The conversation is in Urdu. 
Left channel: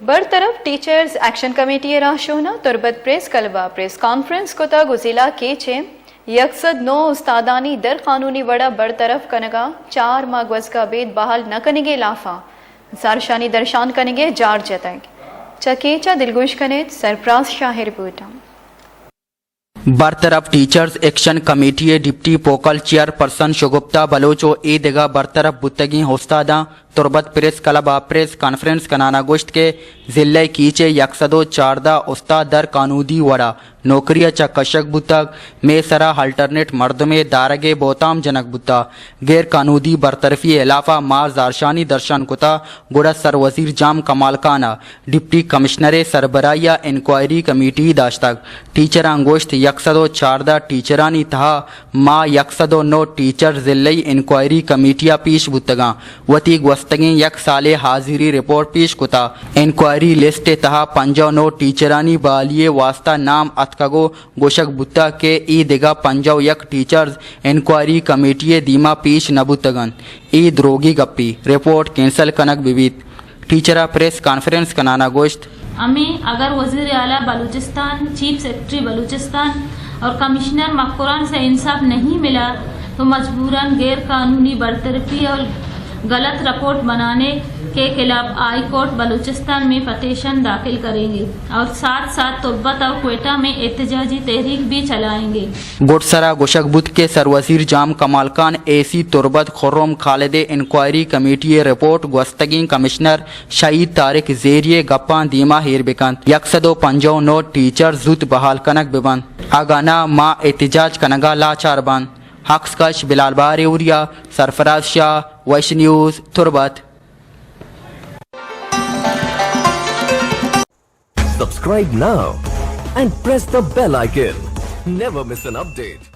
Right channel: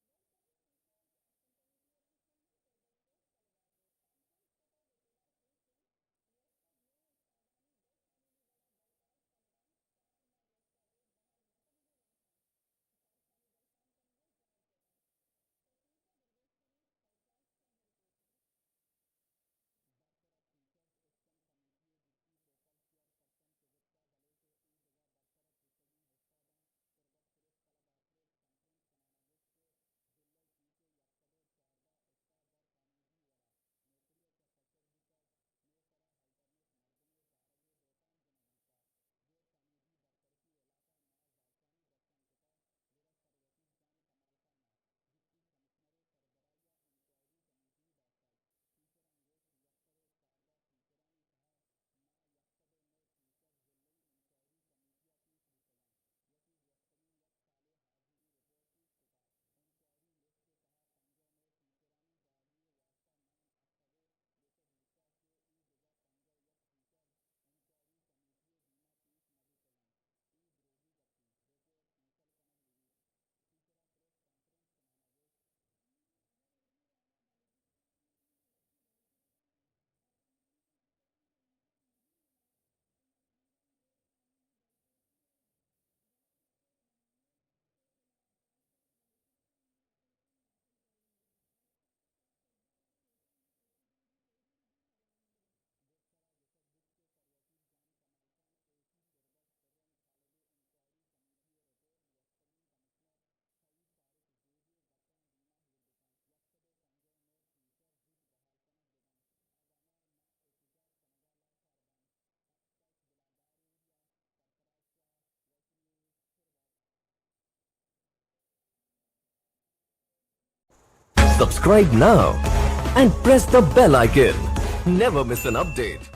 برطرف ٹیچرز ایکشن کمیٹی راشونا تربت پریس کلبہ پریس کانفرنس کتا گزیلا کیچے یکصد 9 استادانی در قانونی وڑا برطرف کنگا 4 ماہ گوزگا بید بحال نہ کنگے لافا زارشانی درشان کنگے جار جتنگ چکیچا دلگوش کنیت سرپراز شاہ رپورٹا برطرف ٹیچرز ایکشن کمیٹی ڈپٹی پوکل چیئر پرسن شگپتا بلوچو ای دگا برطرف بتگی استاداں تربت پریس کلبہ پریس کانفرنس کنانا گوشت کے ضلع کیچے 114 استاد در قانودی وڑا نوکری چا کشک بتگ میں سرا الٹرنیٹ مردمے دارگے بوتام جنک بتا غیر قانودی برطرفی علافہ مار زارشانی درشان کتا گوڑا سر وزیر جام کمال کانا ڈپٹی کمشنر سربراہیہ انکوائری کمیٹی داشتگ ٹیچراں گوشت 114 ٹیچرانی تہا ما 109 ٹیچر ضلعی انکوائری کمیٹیا پیش بتگاں وتی گوستگیں یک سال حاضری رپورٹ پیش کتا انکوائری لسٹ تہا 59 ٹیچرانی بالیے واسطہ نام اتکگو گوشک بتا کے ای دگا 51 ٹیچرز انکوائری کمیٹی دیما پیش نبوتگن ای دروگی گپی رپورٹ کینسل کنک بیویت ٹیچرہ پریس کانفرنس کنانا گوشت ہمیں اگر وزیر اعلیٰ بلوچستان چیف سیکرٹری بلوچستان اور کمشنر مقرران سے انصاف نہیں ملا تو مجبوراً غیر قانونی برطرفی اور غلط رپورٹ بنانے کے خلاف ہائی کورٹ بلوچستان میں پٹیشن داخل کریں گے اور ساتھ ساتھ تربت اور کوئٹہ میں احتجاجی تحریک بھی چلائیں گے گوٹسرا گوشک بدھ کے سر وزیر جام کمال خان اے سی تربت خرم خالد انکوائری کمیٹی رپورٹ گوستگین کمشنر شہید طارق زیریے گپان دیما ہیر بکند 159 ٹیچر زود بحال کنک ببند اگانا ما احتجاج کنگا لاچار بند حقس کش بلال بار اوریا سرفراز شاہ ویش news Turbat Subscribe now and press the bell icon. Never miss an update.